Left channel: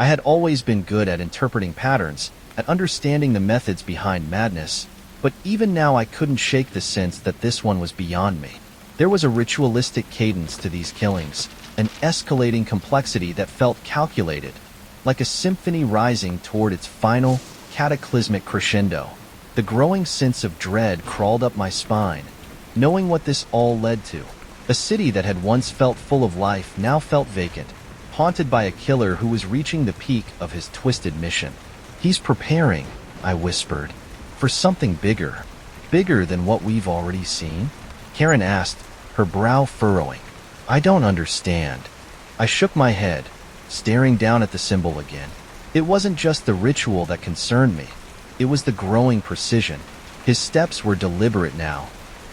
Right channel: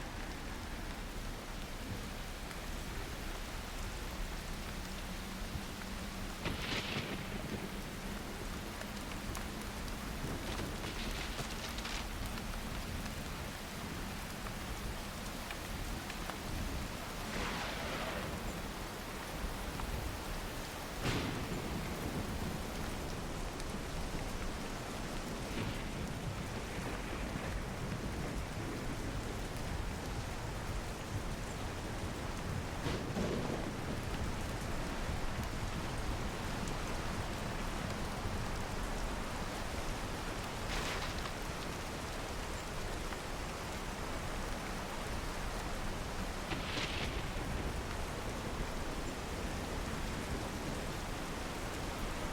I had always been good at interpreting patterns, at understanding the methods behind madness, but even now I couldn't shake the sense that this one was beyond me. There was a ritualistic cadence to these killings, an escalating complexity that felt calculated, like a symphony rising toward its final, cataclysmic crescendo. The growing sense of dread crawled up my spine, knowing what this all led to. A city that had once felt full of life now felt vacant, haunted by a killer who was reaching the peak of his twisted mission. "He's preparing," I whispered, "for something bigger. Bigger than what we've already seen?" Karen asked, her brow furrowing. "I don't understand." I shook my head, staring down at the symbol again. It wasn't just the ritual that concerned me. It was the growing precision. His steps were deliberate now.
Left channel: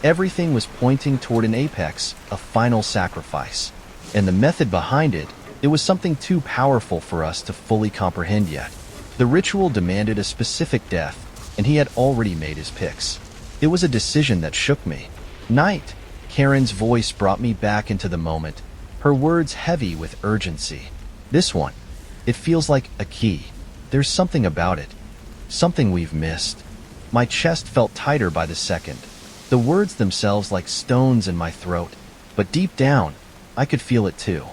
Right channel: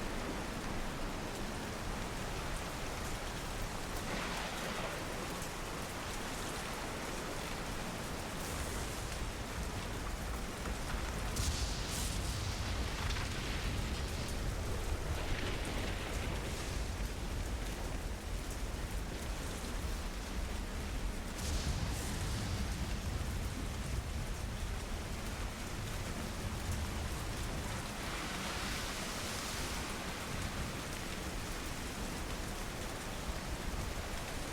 Everything was pointing toward an apex, a final sacrifice. And the method behind it, it was something too powerful for us to fully comprehend yet. The ritual demanded a specific death, and he had already made his picks. It was a decision that shook me. "Knight," Karen's voice brought me back into the moment, her words heavy with urgency. "This one, it feels like a key. There's something about it. Something we've missed." My chest felt tighter by the second, the words themselves like stones in my throat. But deep down, I could feel it too.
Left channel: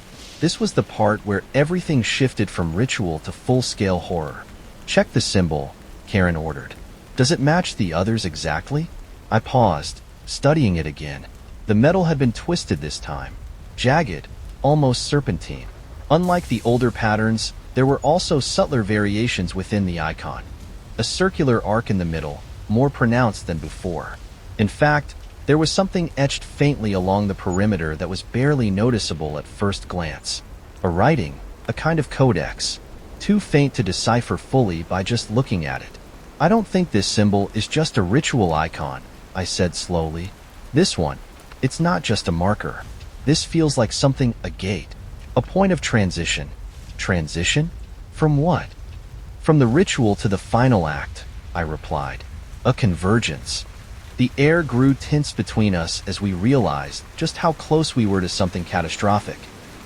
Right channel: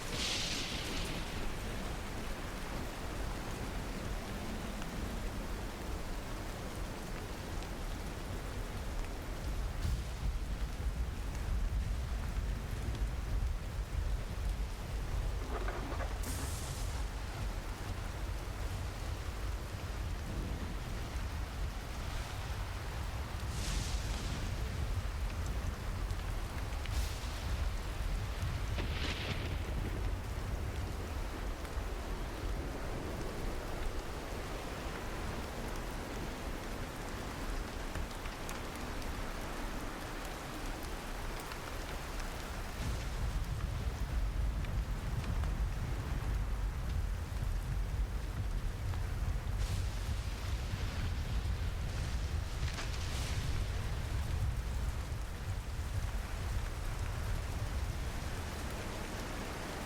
This was the part where everything shifted from ritual to full-scale horror. "Check the symbol," Karen ordered. "Does it match the others exactly?" I paused, studying it again. The metal had been twisted this time, jagged, almost serpentine. Unlike the older patterns, there were also subtler variations within the icon. A circular arc in the middle, more pronounced than before. In fact, there was something etched faintly along the perimeter that was barely noticeable at first glance. A writing, a kind of codex, too faint to decipher fully by just looking at it. "I don't think this symbol is just a ritual icon," I said slowly. "This one, it's not just a marker. This feels like something, a gate, a point of transition." "Transition? From what?" "From the ritual to the final act," I replied. "A convergence." The air grew tense between us as we realized just how close we were to something catastrophic.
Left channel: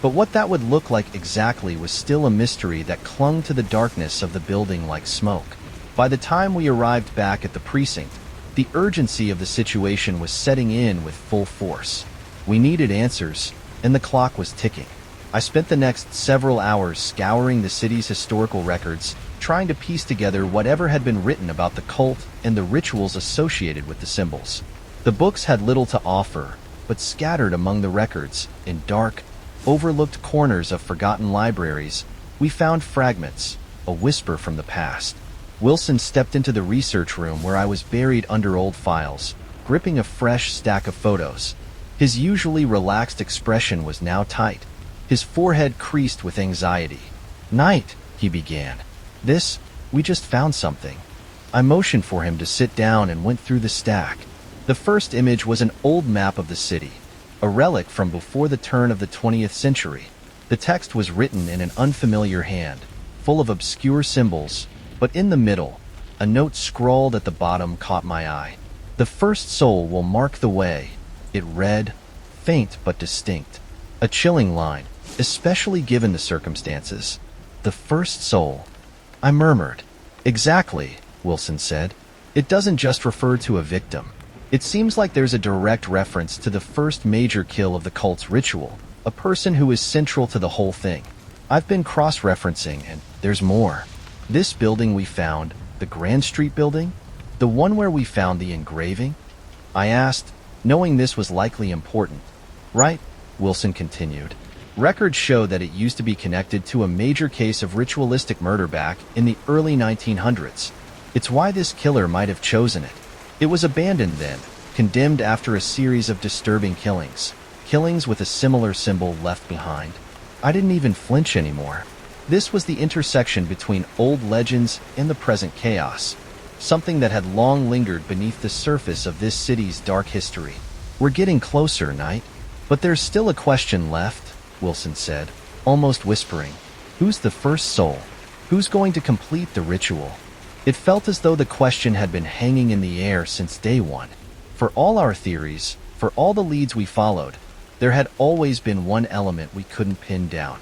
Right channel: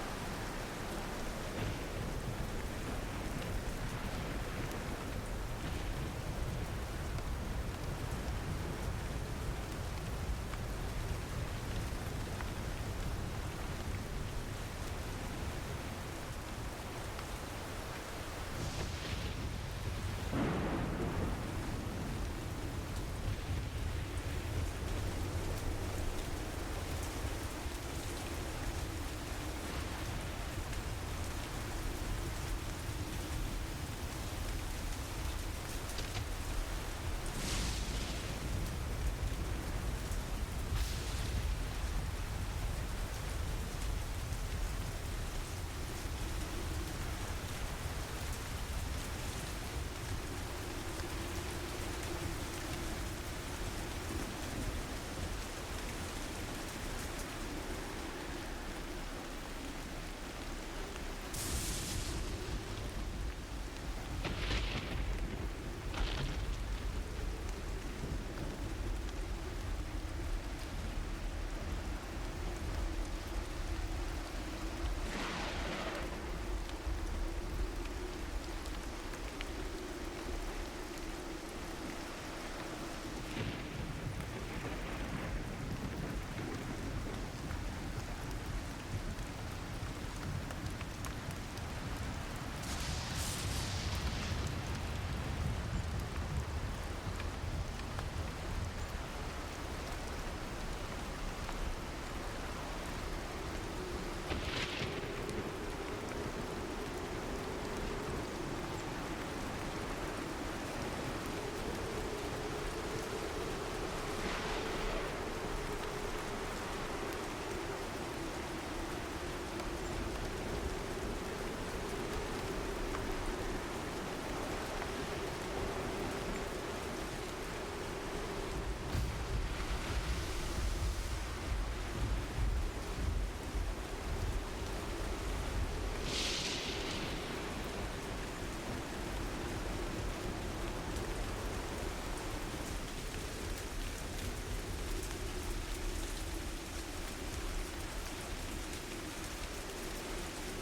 But what that would look like exactly was still a mystery that clung to the darkness of the building like smoke. By the time we arrived back at the precinct, the urgency of the situation was setting in with full force. We needed answers, and the clock was ticking. I spent the next several hours scouring the city's historical records, trying to piece together whatever had been written about the cult and the rituals associated with the symbols. The books had little to offer, but scattered among the records, in dark, overlooked corners of forgotten libraries, we found fragments, a whisper from the past. Wilson stepped into the research room where I was buried under old files, gripping a fresh stack of photos. His usually relaxed expression was now tight, his forehead creased with anxiety. "Knight," he began. We just found something." I motioned for him to sit down and went through the stack. The first image was an old map of the city, a relic from before the turn of the 20th century. The text was written in an unfamiliar hand, full of obscure symbols, but in the middle, a note scrawled at the bottom caught my eye. "The first soul will mark the way," it read, faint but distinct. A chilling line, especially given the circumstances. "The first soul," I murmured. "Exactly," Wilson said. "It doesn't just refer to a victim. It seems like there's a direct reference to the first major kill of the cult's ritual, a person who is central to the whole thing. I've been cross-referencing, and there's more. This building we found, the Grand Street building, the one where we found the engraving?" I asked, knowing this was likely important. "Right," Wilson continued. "Records show that it used to be connected to a major case of ritualistic murder back in the early 1900s. It's why this killer might have chosen it. It was abandoned then, condemned after a series of disturbing killings with a similar symbol left behind." I didn't even flinch anymore. This was the intersection between old legends and the present chaos, something that had long lingered beneath the surface of this city's dark history. "We're getting closer, Knight. But there's still a question left," Wilson said, almost whispering. "Who's the first soul? Who's going to complete the ritual?" It felt as though the question had been hanging in the air since day one. For all our theories, for all the leads we followed, there had always been one element we couldn't pin down:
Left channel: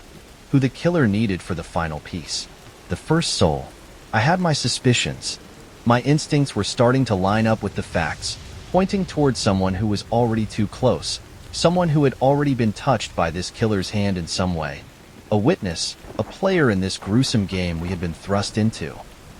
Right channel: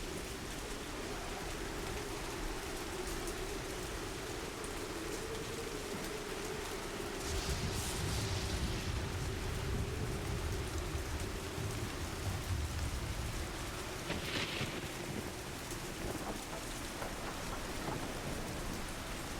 who the killer needed for the final piece. The first soul. I had my suspicions. My instincts were starting to line up with the facts, pointing toward someone who was already too close, someone who had already been touched by this killer's hand in some way. A witness, a player in this gruesome game we had been thrust into.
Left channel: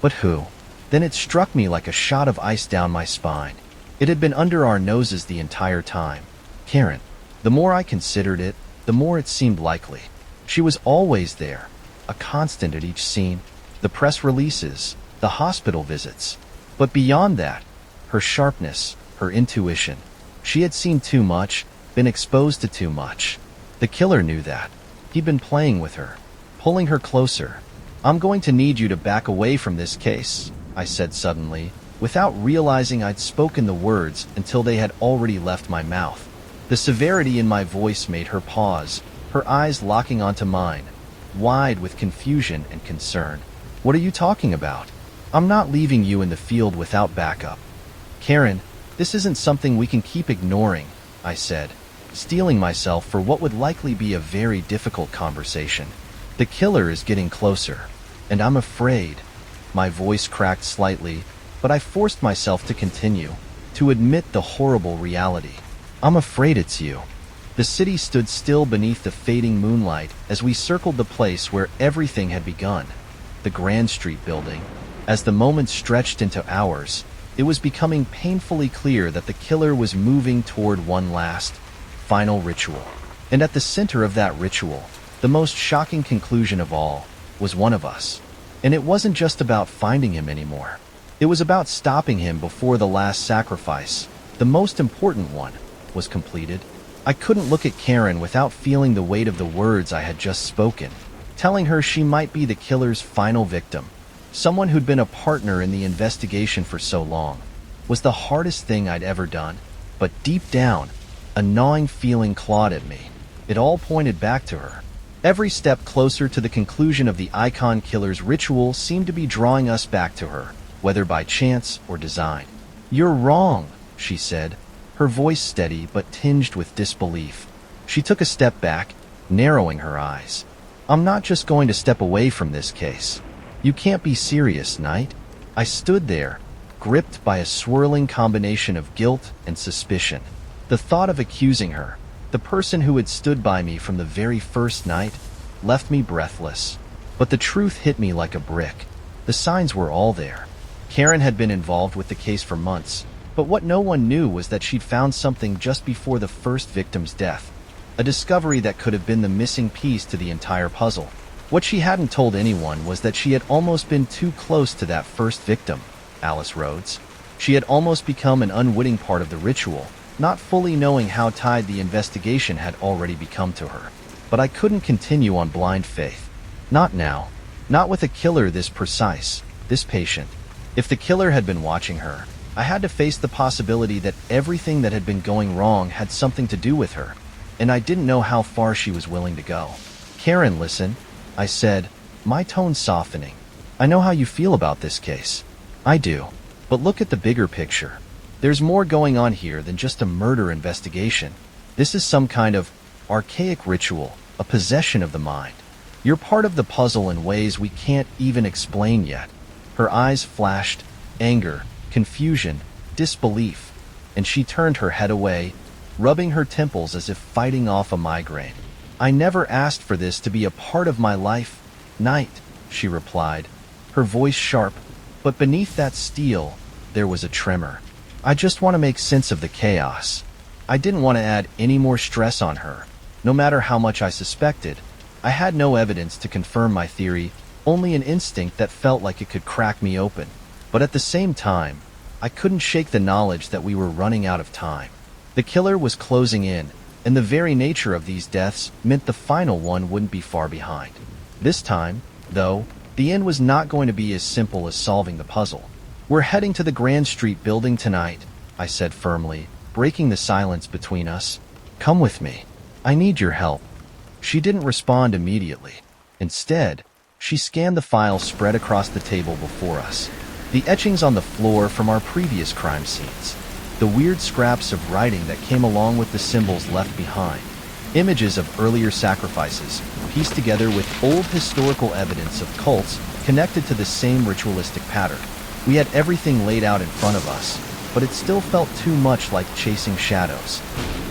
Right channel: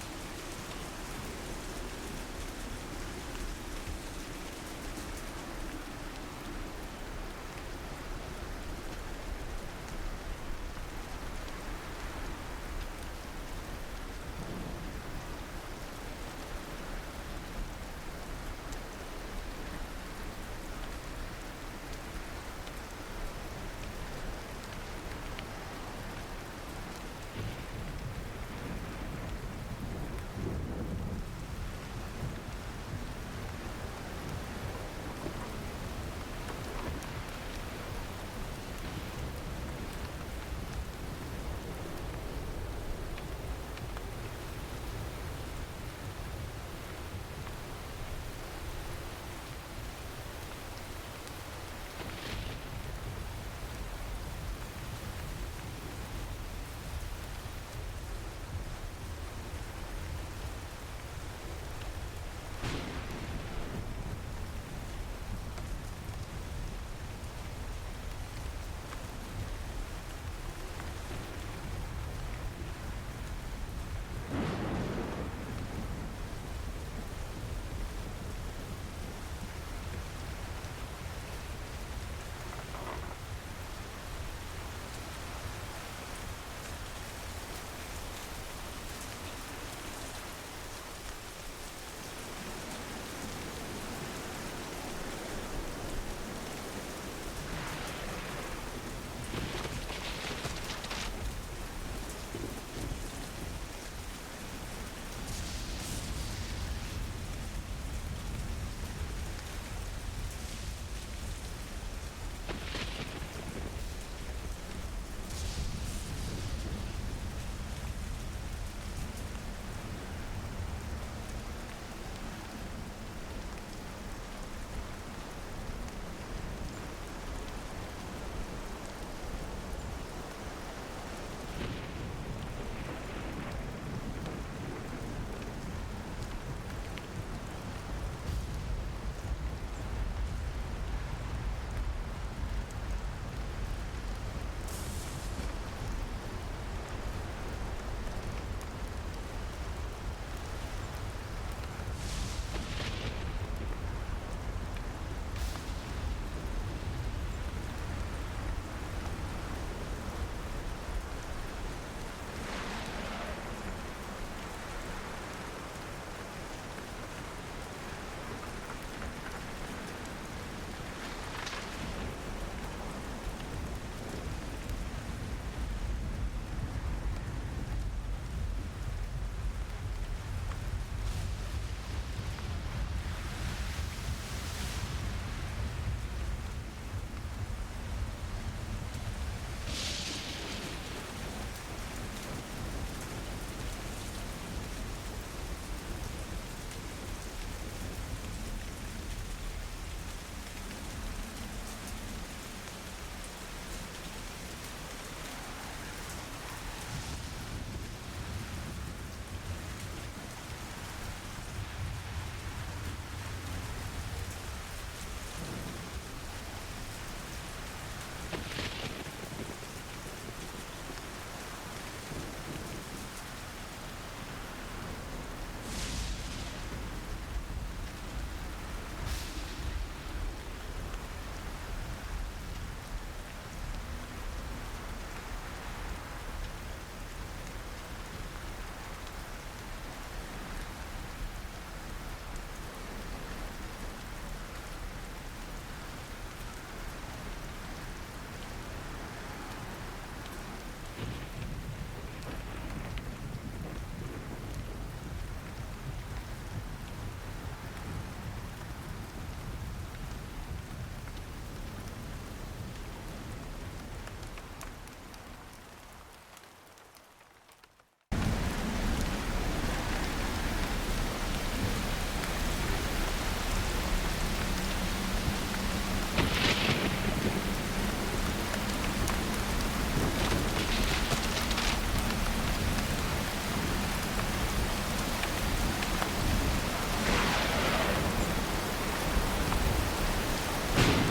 But who? Then it struck me like a shot of ice down my spine. It had been under our noses the entire time. Karen. The more I considered it, the more it seemed likely. She was always there, a constant at each scene, the press releases, the hospital visits. But beyond that, her sharpness, her intuition. She had seen too much, been exposed to too much. The killer knew that. He'd been playing with her, pulling her closer. "I'm going to need you to back away from this case," I said suddenly, without realizing I'd spoken the words until they had already left my mouth. The severity in my voice made her pause, her eyes locking onto mine, wide with confusion and concern. "What are you talking about? I'm not leaving you in the field without backup." "Karen, this isn't something we can keep ignoring," I said, steeling myself for what would likely be a very difficult conversation. "The killer is getting closer, and I'm afraid." My voice cracked slightly, but I forced myself to continue, to admit the horrible reality. "I'm afraid it's you." The city stood still beneath the fading moonlight as we circled the place where everything had begun, the Grand Street building. As the moments stretched into hours, it was becoming painfully clear that the killer was moving toward one last, final ritual. And at the center of that ritual, the most shocking conclusion of all, was one of us. And it wasn't just about finding him anymore. It was about stopping him before the last sacrifice, the most important one, was completed. I couldn't look at Karen without feeling the weight of the words I had just spoken, telling her she might be the killer's final victim. Someone who'd been a partner in the investigation for so long was the hardest thing I'd ever done. But deep down, a gnawing feeling clawed at me. It all pointed back to her. Every step closer to the conclusion of the icon killer's ritual seemed to be drawing us back to her, whether by chance or design. "You're wrong," she said, her voice steady but tinged with disbelief. She took a step back, narrowing her eyes. "I'm not just going to step away from this case. You can't be serious, Knight." I stood there, gripped by a swirling combination of guilt and suspicion. The thought of accusing her, the person who had stood by me from the very first night, left me breathless. But the truth hit me like a brick. The signs were all there. Karen had been involved with the case for months, but what no one knew was that she'd found something just before the first victim's death, a discovery that could have been the missing piece to the entire puzzle. What she hadn't told anyone was that she had almost been too close to that first victim, Alice Rhodes. She had almost become an unwitting part of the ritual, not fully knowing how tied the investigation had already become to her. But I couldn't continue on blind faith. Not now. Not with a killer this precise, this patient. If the killer had been watching her, I had to face the possibility that everything that had been going wrong had something to do with her, and I didn't know how far she was willing to go. "Karen, listen," I said, my tone softening. "I know how you feel about this case. I do. But look at the bigger picture. There's more going on here than just a murder investigation. This is some kind of archaic ritual, a possession of the mind. You're part of the puzzle in ways we can't even explain yet." Her eyes flashed, anger, confusion, disbelief, and she turned her head away, rubbing her temples as if fighting off a migraine. "I never asked for this to be a part of my life, Knight," she replied, her voice sharp, but beneath that steel, there was a tremor. "I just want to make sense of the chaos." I didn't want to add any more stress on her, no matter how much I suspected. I had no evidence to confirm my theory, only an instinct that felt like it could crack me open. But at the same time, I couldn't shake the knowledge that we were running out of time. The killer was closing in, and the very nature of these deaths meant the final one wouldn't be far behind. This time, though, the end was not going to be as simple as solving the puzzle. "We're heading to the Grand Street building tonight," I said firmly, breaking the silence between us. "Come with me. I need your help." She didn't respond immediately. Instead, she scanned the files spread across the table before us. The etchings on the floor from our previous crime scenes. The weird scraps of writing that came along with the symbols left behind. Images of earlier sacrifices, pieced together with old historical evidence of cults connected to the same ritualistic pattern. We had everything laid out in front of us, but it still felt too much like chasing shadows.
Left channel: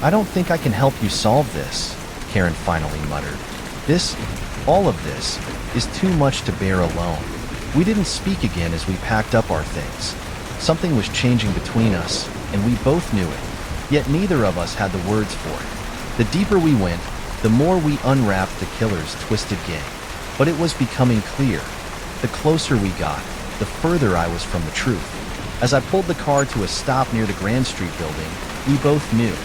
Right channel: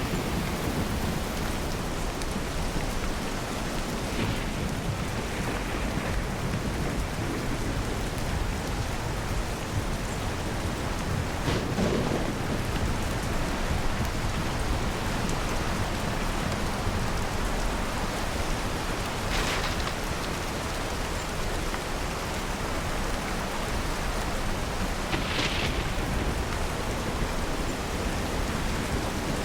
"I don't think I can help you solve this," Karen finally muttered. All of this, is too much to bear alone." We didn't speak again as we packed up our things. Something was changing between us, and we both knew it, yet neither of us had the words for it. The deeper we went, the more we unwrapped the killer's twisted game. But it was becoming clear. The closer we got, the further I was from the truth. As I pulled the car to a stop near the Grand Street building, we both knew.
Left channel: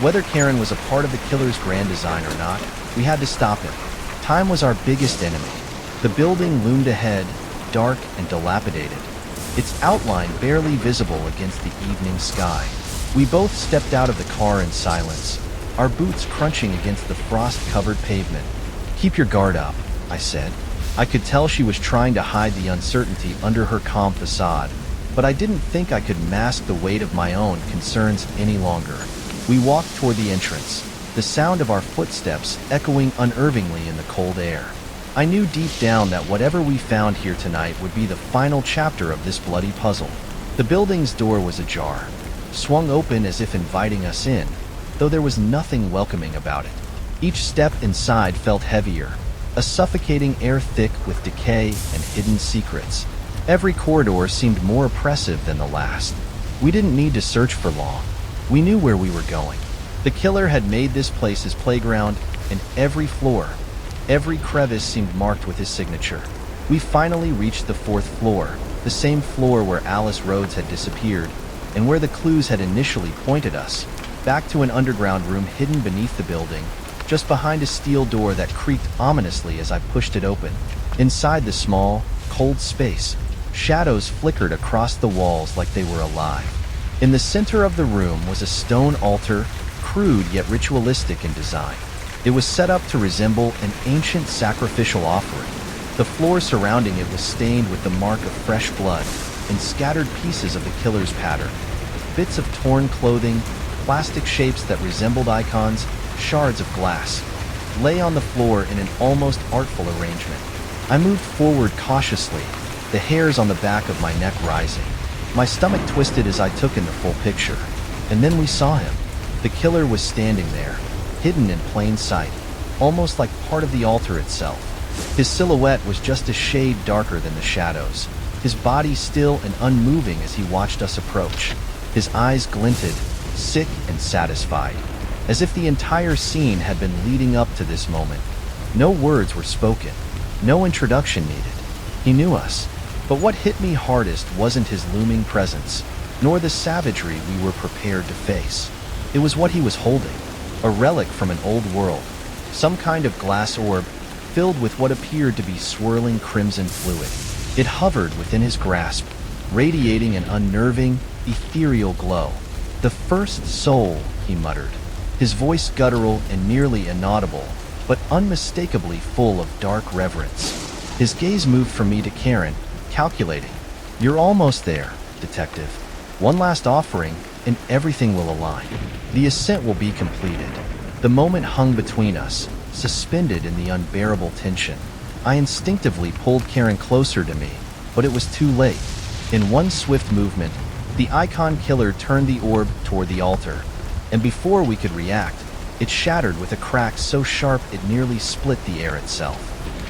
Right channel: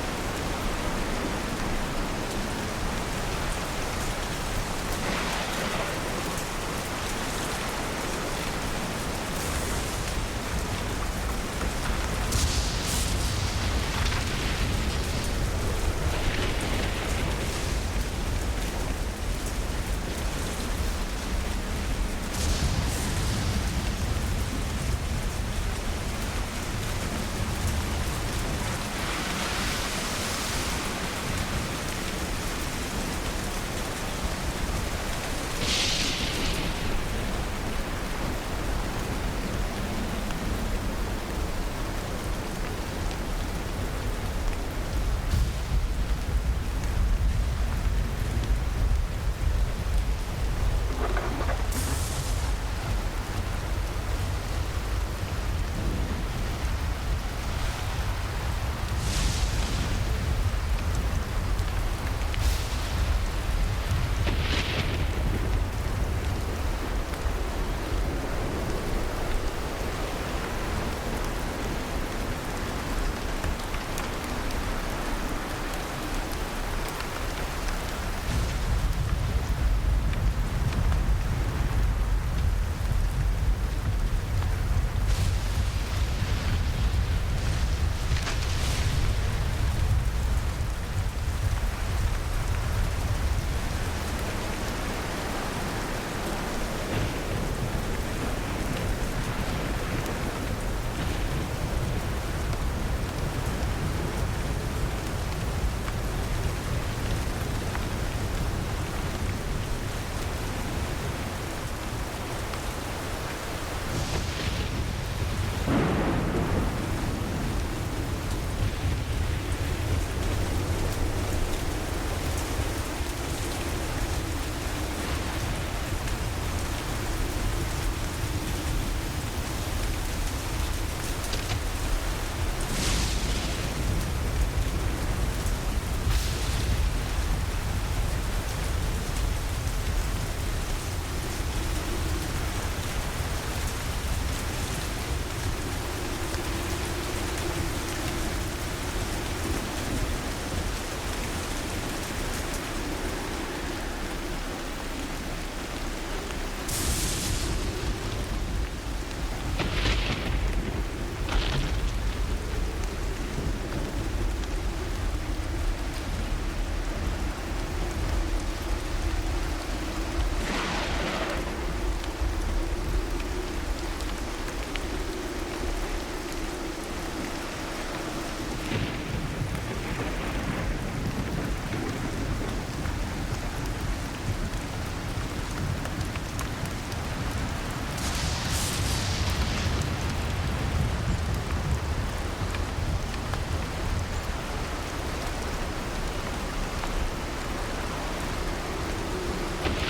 Whether Karen was a part of the killer's grand design or not, we had to stop him. Time was our biggest enemy. The building loomed ahead, dark and dilapidated, its outline barely visible against the evening sky. We both stepped out of the car in silence, our boots crunching against the frost-covered pavement. "Keep your guard up," I said. I could tell she was trying to hide the uncertainty under her calm facade, but I didn't think I could mask the weight of my own concerns any longer. We walked toward the entrance, the sound of our footsteps echoing unnervingly in the cold air. I knew deep down that whatever we found here tonight would be the final chapter of this bloody puzzle. The building's door was ajar, swung open as if inviting us in, though there was nothing welcoming about it. Each step inside felt heavier, a suffocating air thick with decay and hidden secrets. Every corridor seemed more oppressive than the last. We didn't need to search for long. We knew where we were going. The killer had made this place his playground, and every floor, every crevice seemed marked with his signature. We finally reached the 4th floor, the same floor where Alice Rhodes had disappeared, and where the clues had initially pointed us, back to an underground room hidden beneath the building, just behind a steel door that creaked ominously as I pushed it open. Inside the small, cold space, shadows flickered across the walls like they were alive. In the center of the room was a stone altar, crude yet ritualistic in design. It was set up to resemble an ancient sacrificial offering. The floor surrounding it was stained with the mark of fresh blood and scattered pieces of the killer's pattern. Bits of torn clothing, plastic shapes that resembled icons, shards of glass, lay on the floor in an almost artful arrangement. I moved forward cautiously, the hairs on the back of my neck rising. My stomach twisted as I took in the full picture. And then we saw him. The killer was standing there, hidden in plain sight, almost like part of the altar itself. His silhouette was just a shade darker than the shadows, his body still and unmoving as he watched us approach. His eyes glinted, sick and satisfied, as if the entire scene had been leading up to this moment. No words were spoken, no introduction needed. He knew us, but what hit me hardest wasn't his looming presence, nor the savagery we were prepared to face. It was what he was holding, a relic from an old world, some kind of glass orb filled with what appeared to be swirling crimson fluid. It hovered within his grasp, radiating an unnerving, ethereal glow. "The first soul," he muttered, his voice guttural and nearly inaudible, but unmistakably full of dark reverence. His gaze moved from me to Karen, calculating. "You're almost there, detective. One last offering, and everything will align. The ascent will be completed." The moment hung between us, suspended in the unbearable tension. I instinctively pulled Karen closer to me, but it was too late. In one swift movement, the icon killer turned the orb toward the altar, and before we could react, it shattered with a crack so sharp it nearly split the air itself.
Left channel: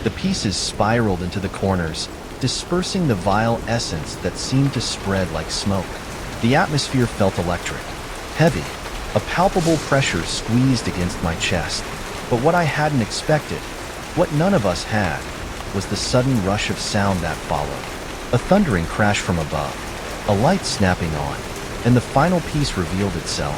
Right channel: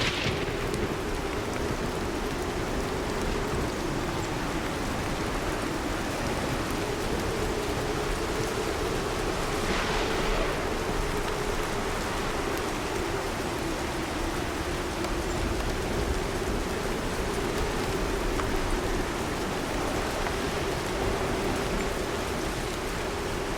The pieces spiraled into the corners, dispersing the vile essence that seemed to spread like smoke. The atmosphere felt electric, heavy. A palpable pressure squeezed against my chest. But what I hadn't expected, what none of us had, was the sudden rush of sound that followed. A thundering crash from above, a light snapping on, and the final piece revealed itself.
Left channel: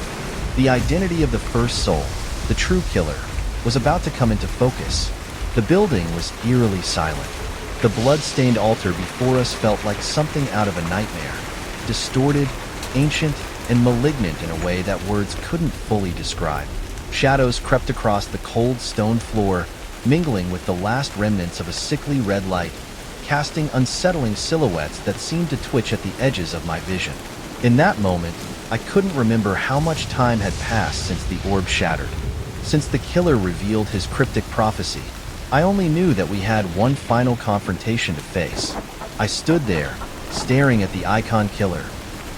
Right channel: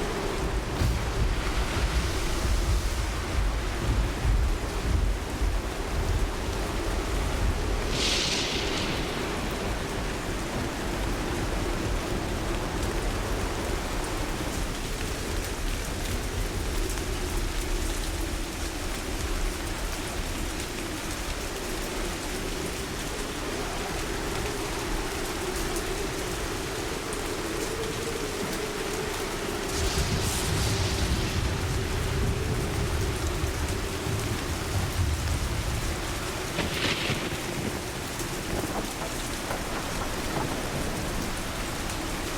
The identity of the first soul, the true killer, was about to come into focus. The building was eerily silent. The blood-stained altar before us felt like something out of a nightmare, distorted, ancient, and malignant in a way that words couldn't fully describe. Shadows crept across the cold stone floor, mingling with the last remnants of a sickly red light, casting unsettling silhouettes that seemed to twitch at the edges of my vision. In that moment, I couldn't remember how much time had passed since the orb shattered. Since the killer revealed his cryptic prophecy, I only knew that we had one final confrontation to face. I stood there, staring at the icon killer,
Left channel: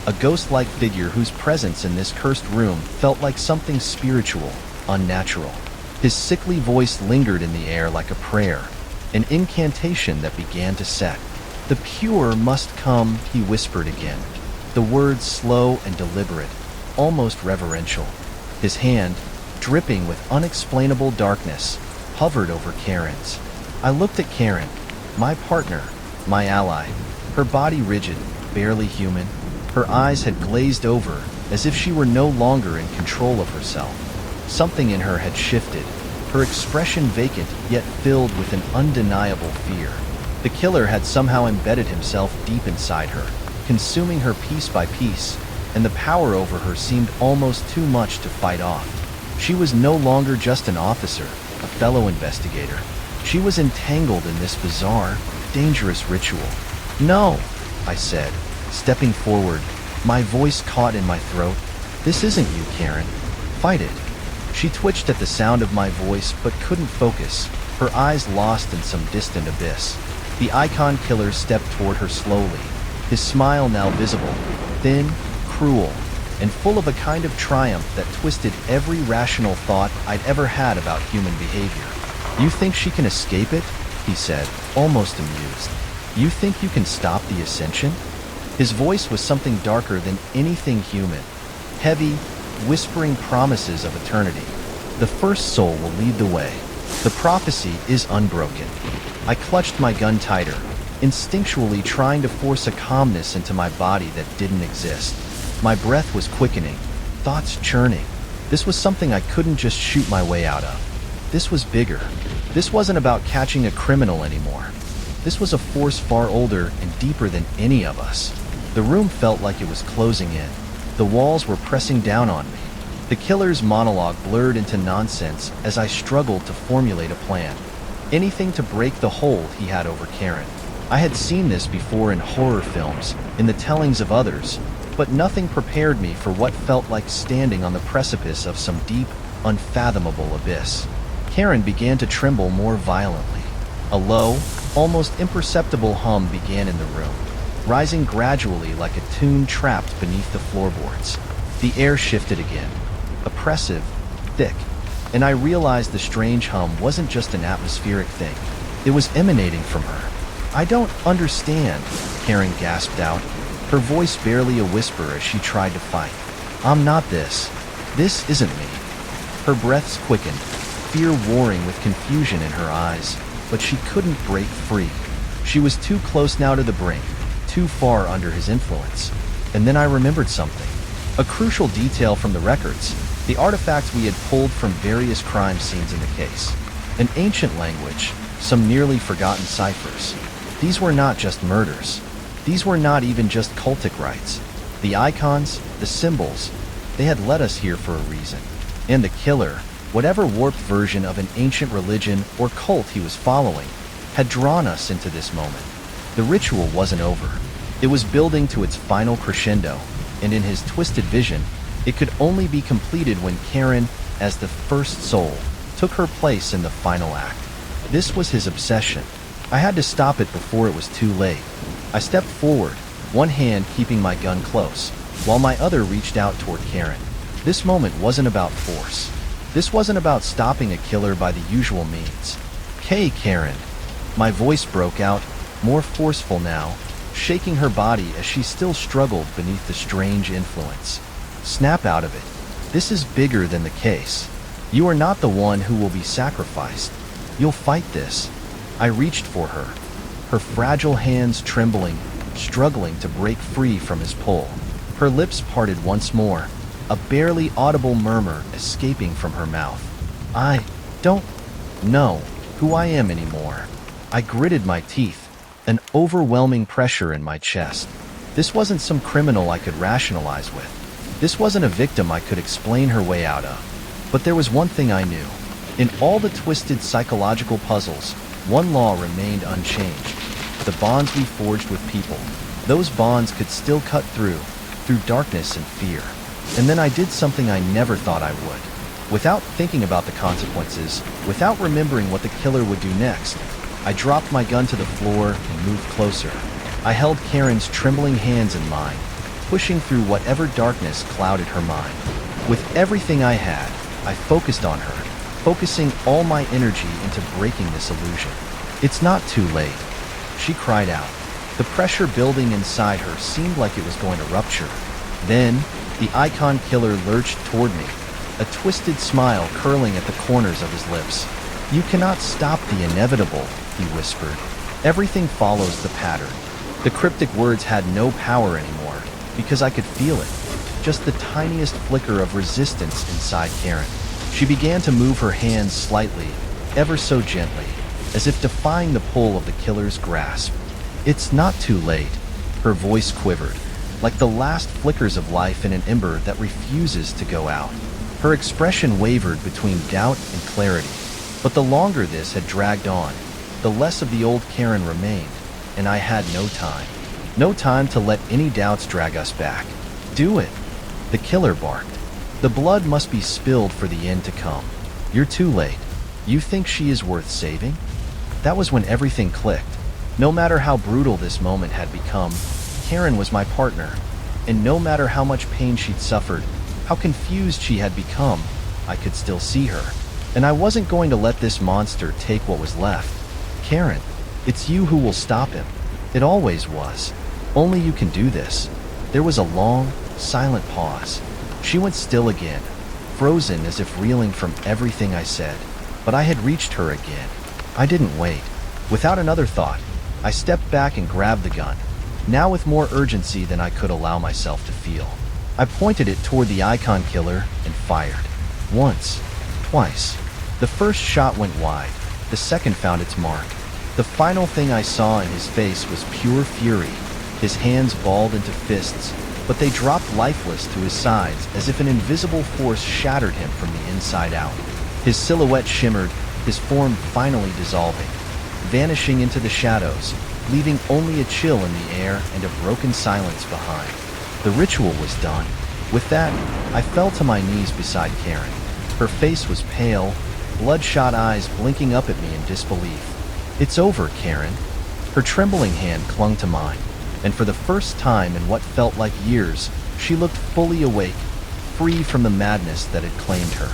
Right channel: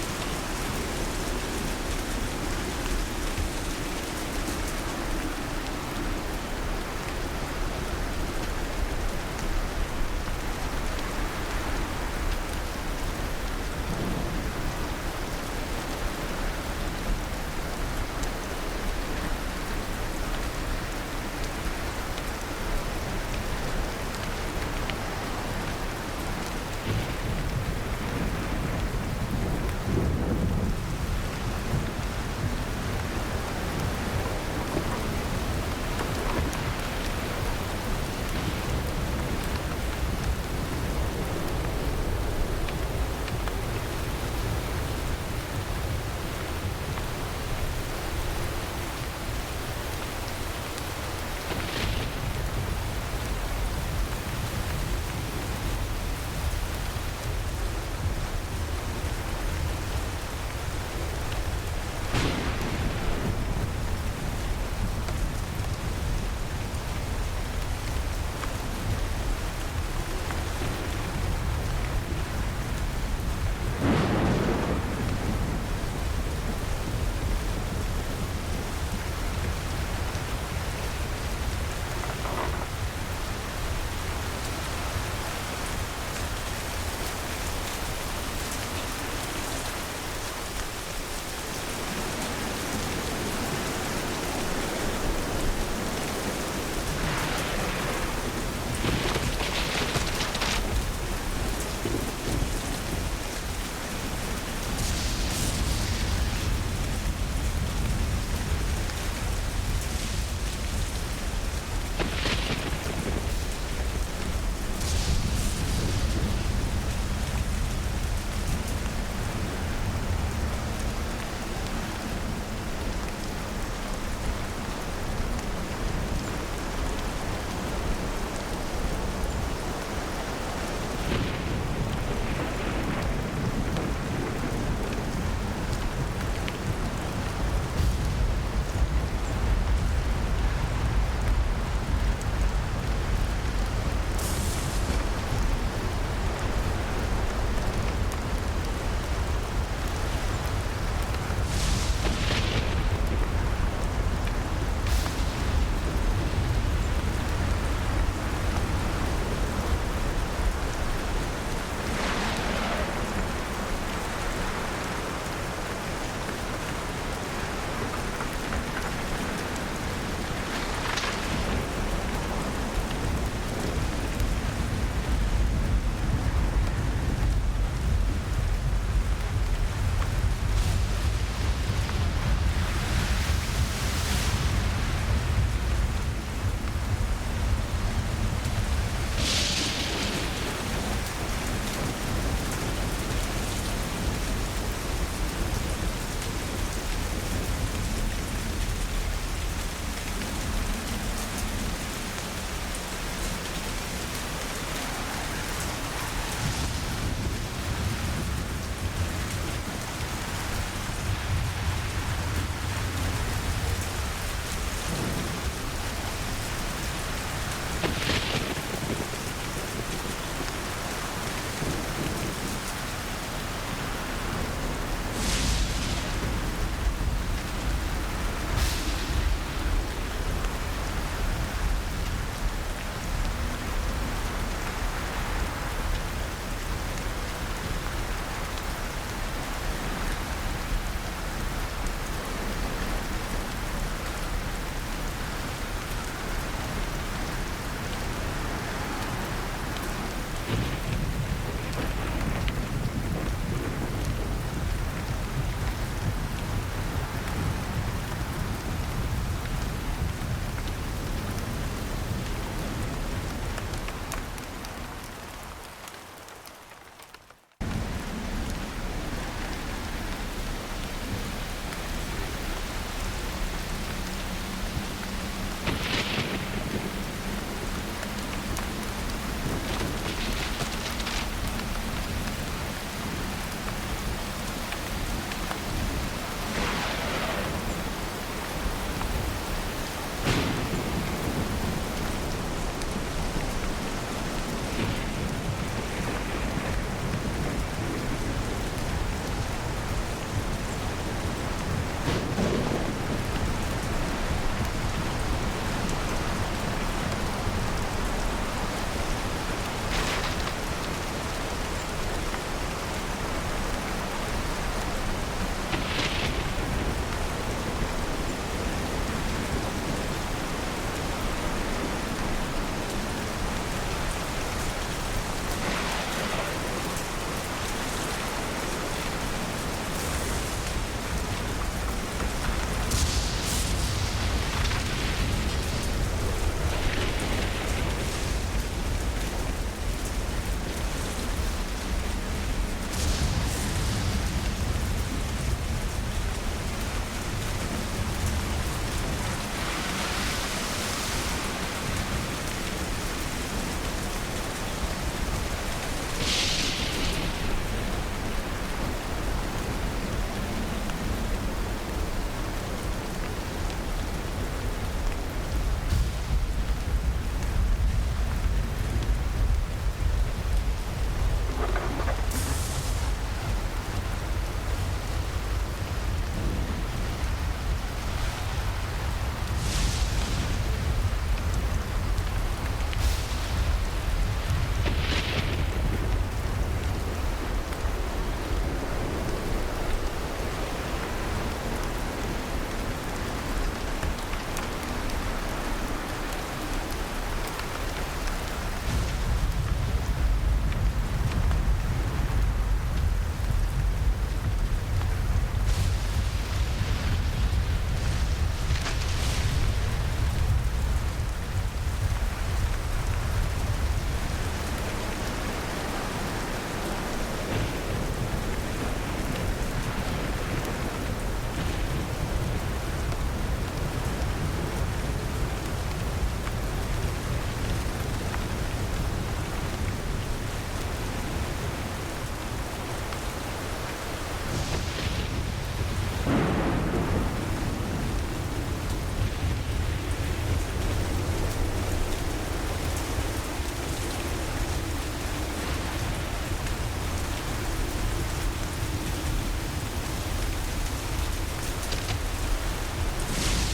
a ghost-like figure whose presence in this cursed room felt like something spiritual, unnatural. His sickly voice lingered in the air like a prayer, an incantation that began to set. "The pure must come," he whispered again, the words slow and deliberate, almost reverential. His hand, dripping with unexplainable darkness, hovered over Karen's. I looked at Karen, my partner, my ally, her body rigid, barely human. Her eyes had glazed over, as if she were no longer in control of herself. Something in her had shifted, her expression vacant yet filled with an undeniable fear. The killer had somehow embedded himself deep inside her, consuming her piece by piece, and the power over her seemed almost too much to fight off. She was no longer just an officer, a fellow investigator. She was entangled in this bizarre, dangerous ritual. "No," I said, stepping forward, my voice caught in my throat. "This isn't you, Karen. Fight it." She twitched at the sound of my voice but couldn't focus, her eyes lost in some distant abyss. The icon killer stepped toward her slowly, his smile now visible, thin, cruel, and full of a kind of triumph that twisted every rational thought I'd ever had about human behavior. "You think she can escape it?" he said, almost amused. "You think you can stop the ascension?" His voice was something darker than anything human, heavy, whispering promises of eternity. "The first soul will lead the way. The prophecy is unbroken." I clutched my gun tighter, instinctually trying to force a calmness into my body that didn't exist. My breath was quickening, thoughts churning. This was something I couldn't just shoot my way out of. This was bigger. This wasn't about catching a criminal anymore. This was a force far older and deeper than any of us. The room felt like it was closing in. The walls were pressing down on me. The killer's monologue blurred into nonsense as I struggled to formulate a plan. Anything to break the hold he had over Karen. I had seen this before in horror films, in the tellings of others, but nothing prepared me for what felt like standing on the precipice of some deep, unfathomable abyss. Karen began to tremble more violently. A low, almost imperceptible hum began in the room, rising gradually like a tune trapped beneath the floorboards. The air shifted again, oppressive, thick, and I realized the strange hum wasn't just an atmospheric thing. It was emanating from her. "I don't understand," Karen gasped out, her voice barely a whisper as she tried to fight. "I'm not this. This isn't me." Her breaths quickened, fear warring with confusion in her eyes, but she couldn't break free. She was too close now to the brink, too far under his influence. And then I remembered something. A crucial detail from the records, the artifacts we had pulled from various crime scenes in the case. An ancient language, some nearly forgotten ciphers. These were not just murders. These were not even just cultic rites. The icons, the symbols, they had led us here for a reason. And the killer, whatever warped version of an ancient religion or cult he was following, had drawn us into this moment. The ritual wasn't over. It was building to its final crescendo, and in his twisted vision, it could only be completed when Karen, as the first soul, took her place in the final act. This was his obsession. I had to stop it before it was too late. I stepped forward, one hand keeping my gun close, while my other reached out toward Karen. This moment wasn't about force. This wasn't about stopping a killer by the usual means. "Hey, Karen." My voice broke out, more forceful now, shaking her body as she still struggled beneath the strange influence. "Snap out of it. This is bigger than the case. You are not the one who will be sacrificed. You'll fight this." I reached for her, her fragile hands trembling, struggling to break free from his pull. Her lips parted once more, a barely audible murmur escaping from her mouth. "I don't know who I am anymore." I gritted my teeth, an overwhelming pressure in my chest. This wasn't some criminal I could rationalize with. This wasn't a victim I could explain her way out of. But there was one thing I knew. In all the twisted psychological puzzles, one law remained unchanged. The bonds we forged with people, those bonds could still cut through darkness and fear. And then I did something I never thought I would. Without thinking about the consequences, without remembering what the killer would do next, I dropped my gun to the floor and moved closer. I held Karen's trembling hands in mine, pushing through whatever darkness clouded her mind. With everything I had, I focused on her, focusing all my energy into breaking this illusion. "It's not too late," she cried out. The pressure building inside her seemed like it was going to rupture. Then, the icon killer lurched toward me, a twisted smile curling at the corners of his lips. "You cannot stop the inevitable," he whispered. "Everything follows the pattern." The cryptic words had no power anymore, because I could feel it, just the tiniest flicker of resistance inside Karen. She began to move her hands slightly, ever so gently, as if defying the pull of the killer's grasp. "It's not too late," her voice quivered, like the last flickers of life in an ember that refuses to go out. Her expression wavered between doubt and clarity, but the longer this had dragged on, the less of the old Karen remained, and I had no time. No time to let any doubts drag us back. "Do it," the killer barked. "The blood must be spilled for the end to come. You're too late. You think she is worth saving?" That was when everything clicked. No matter how brutal this moment had become, Karen was my partner, and no matter how much pain she'd suffered, how confused she had become, I could still see her. And I wasn't going to let this monster take what was left. "Karen, it's you who will stop him. It always was. Only you can do this." There was a long, silent pause. She went still again, frozen as if reeling from everything I said. But I had reached her again. I didn't wait. Without another thought, I stepped back and grabbed the gun, now with more urgency than I could allow myself to feel. I pointed it toward the icon killer and fired. Once, twice. The first shot went wide. The second found its mark. The final thing I saw in his face was pure fury. His hands balled into fists, but they dropped lifeless to his sides as if an invisible force shattered him from the inside out. His silhouette shimmered, his form finally dissolving, vanishing into the shadows, leaving only a chill in the air and a broken silence behind. The ritual was done. With that, I fell to my knees beside Karen. Her face was pale, bloodshot eyes blinking up at me in disbelief. "It's over, Karen." Her trembling hand clung to mine, and for the first time in what felt like years, she looked fully awake, free from the madness that had claimed her.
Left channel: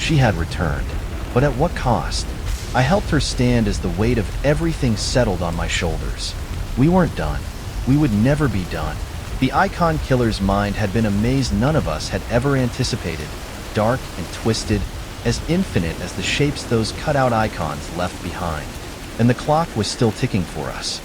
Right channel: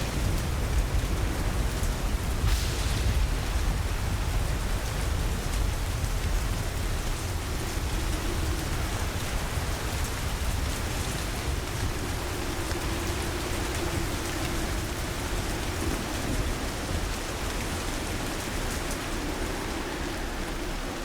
She had returned, but at what cost? I helped her stand as the weight of everything settled on my shoulders. We weren't done. We would never be done. The icon killer's mind had been a maze none of us had ever anticipated, dark and twisted, as infinite as the shapes those cutout icons left behind. And the clock was still ticking for us.